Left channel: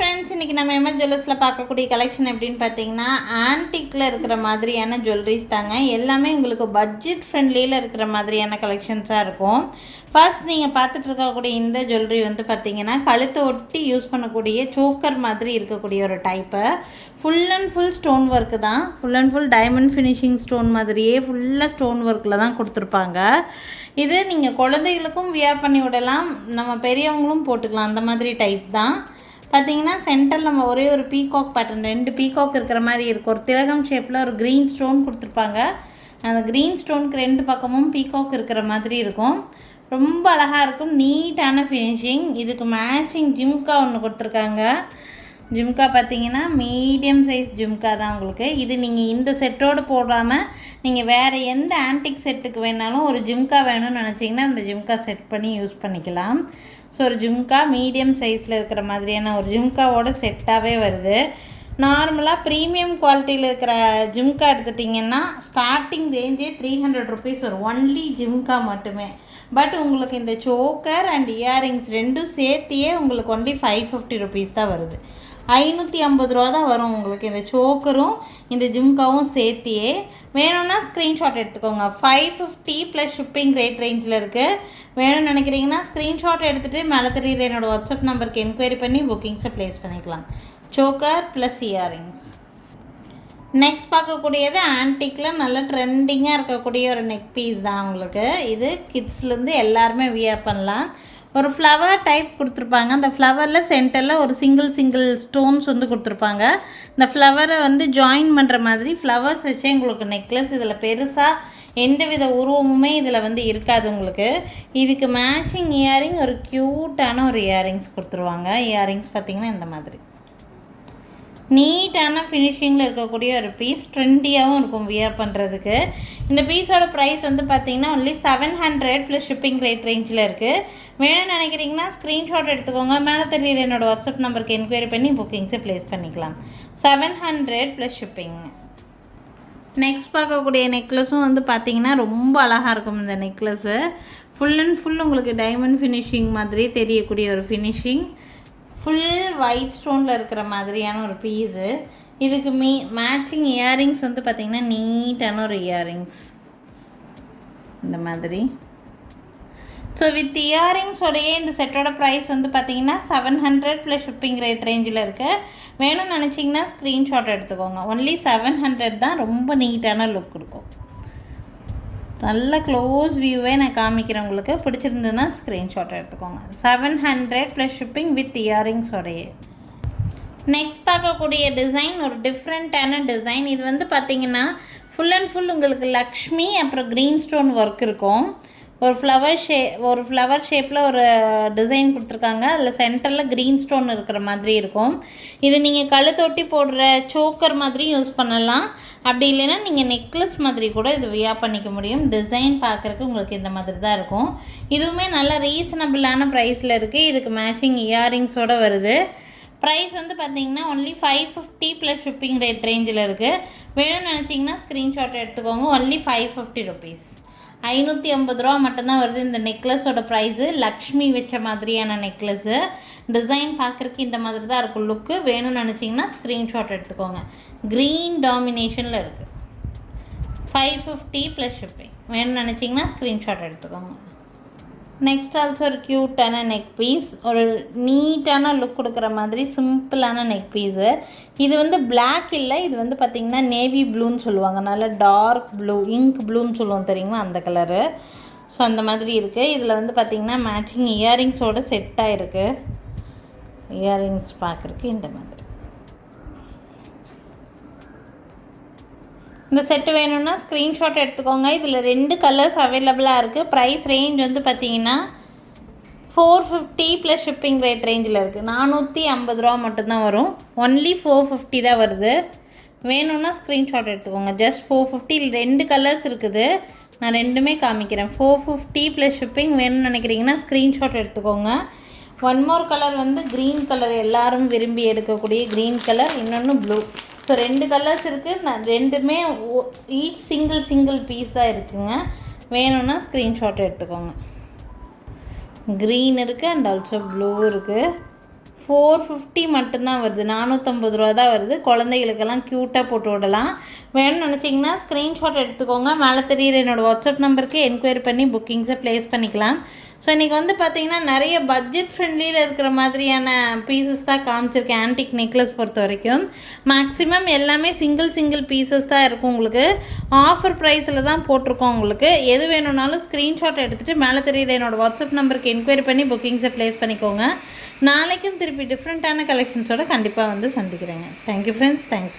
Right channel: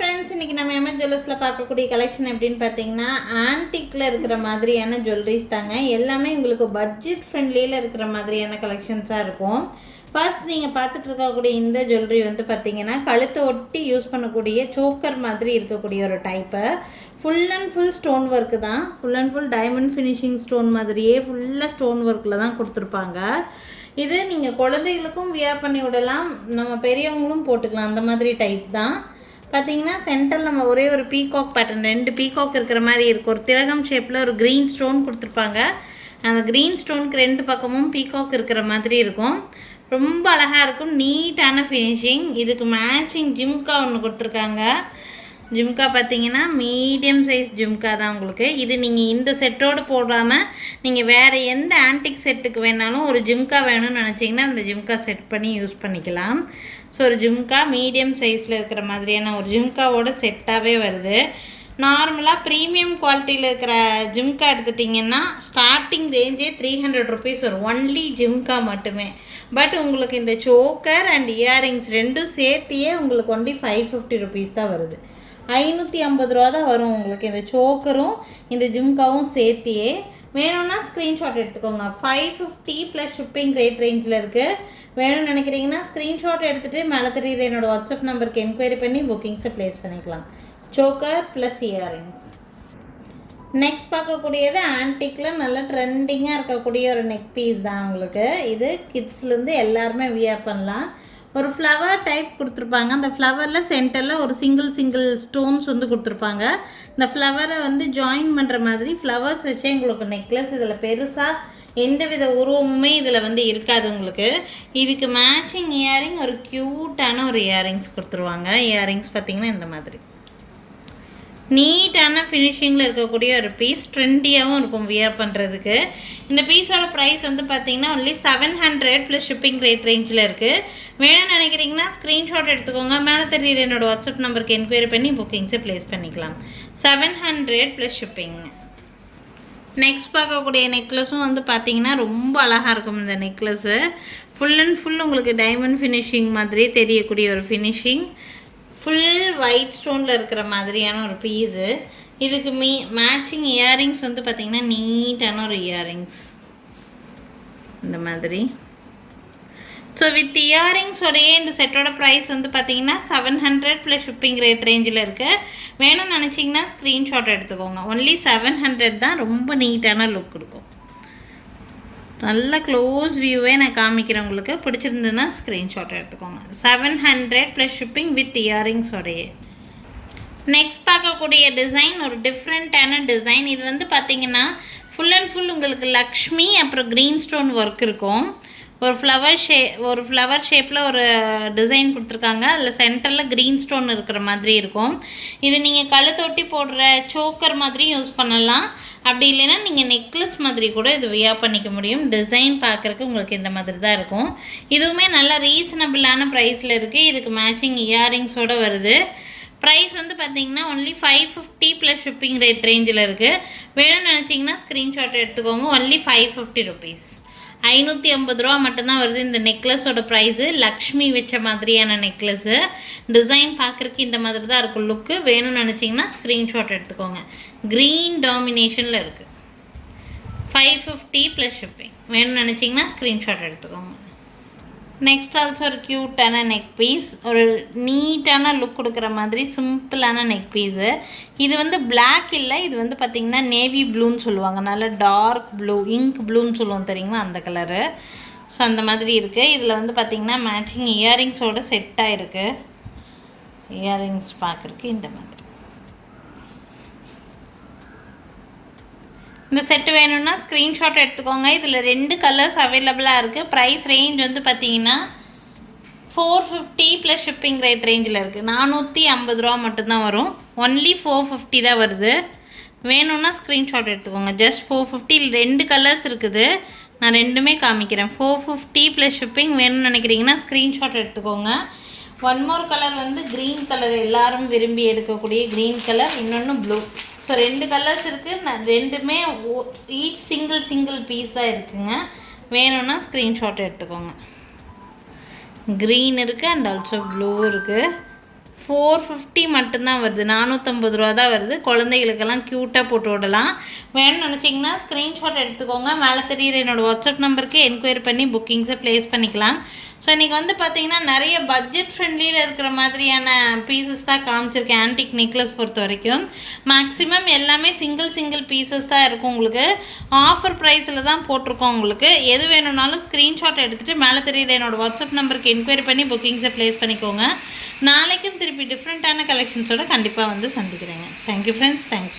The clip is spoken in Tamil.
ஃப்ரெண்ட்ஸ், இன்றைக்கி நம்ம எம்எஸ் ஜுவல்லர்ஸில் பார்க்கக்கூடிய கலெக்ஷன் எப்படின்னு பார்த்தீங்கன்னா ஆன்டிக்கில் இருக்கிற மாதிரியான ஜுவல்லரிஸ் தாங்க. எல்லாமே உங்களுக்கு பட்ஜெட் ஃப்ரெண்ட்லியில் இருக்கிற மாதிரியான கலெக்ஷன்ஸாக இருக்கும். ஃபர்ஸ்ட் நீங்கள் பார்த்துட்டு இருக்கக்கூடிய இந்த ஜுவல்லரி வந்து பார்த்தீங்கன்னா கழுத்தை ஒட்டி யூஸ் பண்ணக்கூடிய சோக்கர் மாதிரி இருக்கக்கூடிய ஒரு type. Full and full stone work தான். Full and full diamond finishing stone மாதிரியே ஃபுல்லாக ஸ்டோன் ஒர்க்கில் தான் கொடுத்துருப்பாங்க. இது நீங்கள் குழந்தைகளுக்கும் வியர் பண்ணி விடலாம், நம்ம பெரியவங்களும் போட்டுக்கலாம். அந்த மாதிரி டைப் தான். பார்த்தீங்கன்னா சென்டரில் நம்ம ஒரே ஒரு பீகாக் பேட்டர்ன், 2 பீகாக் இருக்கிற மாதிரி இருக்கும். ஒரு திலகம் ஷேப்பில் ஒரு க்ரீன் ஸ்டோன் கொடுத்துருப்பாங்க. அந்த க்ரீன் ஸ்டோனுக்கு 2 பக்கமும் பீகாக் இருக்கிற மாதிரி இருக்கும். ரொம்ப அழகாக இருக்கும், நீட்டான ஃபினிஷிங். இதுக்கு மேட்சிங் ஜிம்கா ஒன்று கொடுத்துருக்காங்க. ஜிம்கா பார்த்தீங்கன்னா மீடியம் சைஸ் ஜிம்கா தான் உங்களுக்கு. இது நீங்கள் இந்த செட்டோடு போடாமல் நீங்கள் வேறு எந்த ஆன்டிக் செட்டுக்கு வேணாலும் ஒரு ஜிம்கா வேணும்னு நினச்சிங்கன்னா அந்த ஜிம்கா செட் பண்ணி யூஸ் பண்ணிக்கலாம். ஸோ ஒரு ஜிம்கா மீடியம் சைஸில் இருக்கிற மாதிரியான ஒரு ஜிம்காவோட செட்டாகவே வருது. நார்மலாக ப்ரீமியம் குவாலிட்டியில் இருக்கிற ஜிம்கா எடுத்துட்டிங்கன்னா ஸ்டார்டிங் ரேஞ்சே 300 ருபீஸ் வரும், ஒன்லி ஜிம்கா மட்டுமே. பட் உங்களுக்கு இந்த சோக்கர் அண்ட் இயரிங்ஸ் ரெண்டும் சேர்த்தியே உங்களுக்கு ஒன்லி 550 ருபீஸ் தான் வருது. 550 ரூபா தான் வரும் உங்களுக்கு இந்த சோக்கரும் இந்த ஜிம்காவும் சேர்த்தியே. வேணும்னா ஸ்க்ரீன்ஷாட் எடுத்துக்கோங்க. 550 ப்ளஸ் ஷிப்பிங் ரேட் ரேஞ்சில் இருக்குது. வேணும்னு நினைக்கிறீங்கன்னா ஸ்க்ரீன்ஷாட் எடுத்துகிட்டு மேலே தெரியுது என்னோடய வாட்ஸ்அப் நம்பருக்கு என்கொயரி பண்ணி புக்கிங்ஸை ப்ளேஸ் பண்ணிக்கலாம். Choker plus earrings. நெக்ஸ்ட் பார்க்கக்கூடியது ஆன்டிக்கில் நல்ல ட்ரெண்டிங்காக இருக்கக்கூடிய ஒரு நெக் பீஸ் தான் உங்களுக்கு. இது கிட்ஸ்லேருந்து எல்லாருமே வியர் பண்ணலாம். ஒரு ஃப்ளவர் டைப் கொடுத்துருப்பாங்க. அந்த ஃப்ளவரில் சென்டரில் ஒரு சிங்கிள் ஸ்டோன்ஸ் வந்து கொடுத்துருப்பாங்க. இந்த ஃப்ளவரை வந்து ஜாயின் பண்ணுற மாதிரி ஃப்ளவர்ஸ் வச்சே உங்களுக்கு நெக்லஸ். இதில் பெருசாக எந்த வித உருவமுமே இதில் வந்து இருக்காது உங்களுக்கு. இதுக்கு மேட்சிங் இயரிங் ஒரு க்யூட்டான ஒரு இயரிங்ஸ் கொடுத்துருவாங்க. இயரிங்ஸ் பார்த்திங்கன்னா இந்த மாதிரி நீட்டான ஃபினிஷிங்கில் இருக்கக்கூடிய ஒரு பீஸ். ட்ரெண்டியாகவும் இருக்கும் வியர் பண்ணுறதுக்கு. இந்த பீஸோட ப்ரைஸ் வந்து பார்த்திங்கன்னா ஒன்லி 700 ப்ளஸ் ஷிப்பிங் ரேட் ரேஞ்சில் இருக்குது. வேணும்னு நினைக்கிறீங்கன்னா ஸ்க்ரீன்ஷாட் எடுத்துக்கோங்க. மேலே தெரியுது என்னோடய வாட்ஸ்அப் நம்பருக்கு என்கொயரி பண்ணி புக்கிங்ஸை ப்ளேஸ் பண்ணிக்கலாம். 700 ப்ளஸ் ஷிப்பிங். நெக்ஸ்ட் பார்க்கக்கூடிய நெக்லஸும் வந்து பார்த்திங்கன்னா ரொம்ப அழகாக இருக்கும். இந்த நெக்லஸ்ஸு ஃபுல் அண்ட் ஃபுல் உங்களுக்கு டைமண்ட் ஃபினிஷிங் மாதிரி தெரியக்கூடிய ஒரு ஃபினிஷிங். ஃபுல் ஒயிட் ஸ்டோனில் இருக்கிற மாதிரியான ஒரு பீஸு. இதுக்கு மேட்சிங் இயரிங்ஸ் வந்து பார்த்திங்கன்னா நீட்டான ஒரு இயரிங்ஸ் இந்த மாதிரி. ஸோ வித் இயரிங்ஸோடையே இந்த செட்டோட ப்ரைஸ் வந்து பார்த்திங்கன்னா 700 ப்ளஸ் ஷிப்பிங் ரேட் ரேஞ்சில் இருக்குது. வேணும்னு நினச்சிங்கன்னா ஸ்க்ரீன்ஷாட் எடுத்துக்கோங்க. ஒன்லி 700 தான். ரொம்ப நீட்டான லுக் கொடுக்கும். நல்ல க்ளோஸ் வியூவே நான் காமிக்கிறேன் உங்களுக்கு. பிடிச்சிருந்ததுன்னா ஸ்க்ரீன்ஷாட் எடுத்துக்கோங்க. 700 ப்ளஸ் ஷிப்பிங் வித் இயரிங்ஸோடையே. நெக்ஸ்ட் பார்க்கக்கூடிய டிசைன் ஒரு டிஃப்ரெண்ட்டான டிசைன். இது வந்து பார்த்திங்கன்னா ஃபுல் அண்ட் ஃபுல் உங்களுக்கு லக்ஷ்மி அப்புறம் க்ரீன் ஸ்டோன் ஒர்க் இருக்கும். ஒரு ஃப்ளவர் ஷேப்பில் ஒரு டிசைன் கொடுத்துருக்காங்க. அதில் சென்டரில் க்ரீன் ஸ்டோன் இருக்கிற மாதிரி இருக்கும். இது நீங்கள் கழுத்தொட்டி போடுற சோக்கர் மாதிரி யூஸ் பண்ணலாம். அப்படி இல்லைன்னா நீங்கள் நெக்லஸ் மாதிரி கூட இது வியர் பண்ணிக்க முடியும். டிசைன் பார்க்குறக்கு உங்களுக்கு இந்த மாதிரி தான் இருக்கும். இதுவுமே நல்ல ரீசனபிளான ப்ரைஸில் இருக்குது. இதுக்கு மேட்சிங் இயரிங்ஸோடு வருது. ப்ரைஸ் வந்து பார்த்திங்கன்னா ஒன்லி 550 ப்ளஸ் ஷிப்பிங் ரேட் ரேஞ்சில் இருக்குது. வேணும்னு நினச்சிங்கன்னா ஸ்க்ரீன்ஷாட் எடுத்துக்கோங்க. Only 550 rupees. 550 ரூபா மட்டும்தான் வருது இந்த நெக்லஸோட ப்ரைஸு. லக்ஷ்மி வச்ச மாதிரியான நெக்லஸ்ஸு. டிசைன் பார்க்குறக்கு இந்த மாதிரி தான் இருக்கும் லுக்கு. வேணும்னு நினச்சிங்கன்னா ஸ்க்ரீன்ஷாட் எடுத்துக்கோங்க. க்ரீன் டாமினேஷனில் இருக்குது. 550 ப்ளஸ் ஷிப்பிங். வேணும்னு நினச்சிங்கன்னா ஸ்க்ரீன்ஷாட் எடுத்துக்கோங்க. நெக்ஸ்ட் ஆல்சோ ஒரு க்யூட்டான நெக் பீஸ். ஒரு நீட்டான லுக் கொடுக்குற மாதிரி சிம்பிளான நெக் பீஸு. இது வந்து பிளாக் இல்லை, இது வந்து பார்த்திங்கன்னா நேவி ப்ளூன்னு சொல்லுவாங்க. நல்லா டார்க் ப்ளூ, இங்க் ப்ளூன்னு சொல்லுவோம் தெரியுங்களா, அந்த கலரு. ஸோ அந்த மாதிரி இருக்குது. இதில் வந்து பார்த்திங்கன்னா மேட்சிங் இயரிங்ஸோடு செட்டாக இருக்குது. இயரிங்ஸ் பார்க்குறக்கு இந்த மாதிரி. இந்த செட்டு வேணும்னா ஸ்க்ரீன்ஷாட் எடுத்துக்கோங்க. இதில் 2 கலர்ஸ் அவைலபிளாக இருக்குது. ப்ரைஸ் ரேஞ்ச் வந்து பார்த்திங்கன்னா 450 ப்ளஸ் ஷிப்பிங் ரேட் ரேஞ்சில் இருக்குது. 450 ரூபா மட்டும்தான் வரும். ஒன்லி 450 தான் வருது. வேணும்னா ஸ்க்ரீன்ஷாட் எடுத்துக்கோங்க. ஜஸ்ட் 450. 2 கலர்ஸ் இருக்குது, நான் ரெண்டுமே காமிக்கிறேன். 450 ப்ளஸ் ஷிப்பிங். வேணும்னு நினைக்கிறீங்கன்னா ஸ்க்ரீன்ஷாட் எடுத்துக்கோங்க. ஒன் மோர் கலர் வந்து க்ரீன் கலர், எல்லோரும் விரும்பி எடுக்கக்கூடிய க்ரீன் கலர். இன்னொன்று ப்ளூ. ஸோ 2 கலர்ஸ் இருக்குது. நான் ரெண்டுமே ஈச் சிங்கிள் பீஸ் தான் இருக்குங்க. வேணும்னா ஸ்க்ரீன்ஷாட் எடுத்துக்கோங்க. க்ரீன் இருக்குது அண்ட் ஆல்சோ ப்ளூ இருக்குது. 450 மட்டும்தான் வருது, 450 ரூபா தான் வருது. குழந்தைகளுக்கெல்லாம் க்யூட்டாக போட்டு விடலாம். வேணும்னு நினச்சிங்கன்னா ஸ்க்ரீன்ஷாட் எடுத்துக்கோங்க. மேலே தெரியுற என்னோடய வாட்ஸ்அப் நம்பருக்கு என்கொயரி பண்ணி புக்கிங்ஸை ப்ளேஸ் பண்ணிக்கலாம். ஸோ இன்றைக்கி வந்து பார்த்திங்கன்னா நிறைய பட்ஜெட் ஃப்ரெண்ட்லியில் இருக்கிற மாதிரியான பீசஸ் தான் காமிச்சிருக்கேன். ஆன்டிக் நெக்லஸ் பொறுத்த வரைக்கும் மேக்ஸிமம் எல்லாமே சிங்கிள் பீசஸ் தான் இருக்கும். உங்களுக்கு ஆஃபர் ப்ரைஸில் தான் போட்டிருக்கோம். உங்களுக்கு எது வேணும்னாலும் ஸ்க்ரீன்ஷாட் எடுத்துகிட்டு மேலே தெரியுற என்னோடய வாட்ஸ்அப் நம்பருக்கு என்கொயரி பண்ணி புக்கிங்ஸை ப்ளேஸ் பண்ணிக்கோங்க. நாளைக்கும் திருப்பி டிஃப்ரெண்ட்டான கலெக்ஷன்ஸோடு கண்டிப்பாக வந்து சந்திக்கிறேங்க. Thank you friends. தேங்க்ஸ்.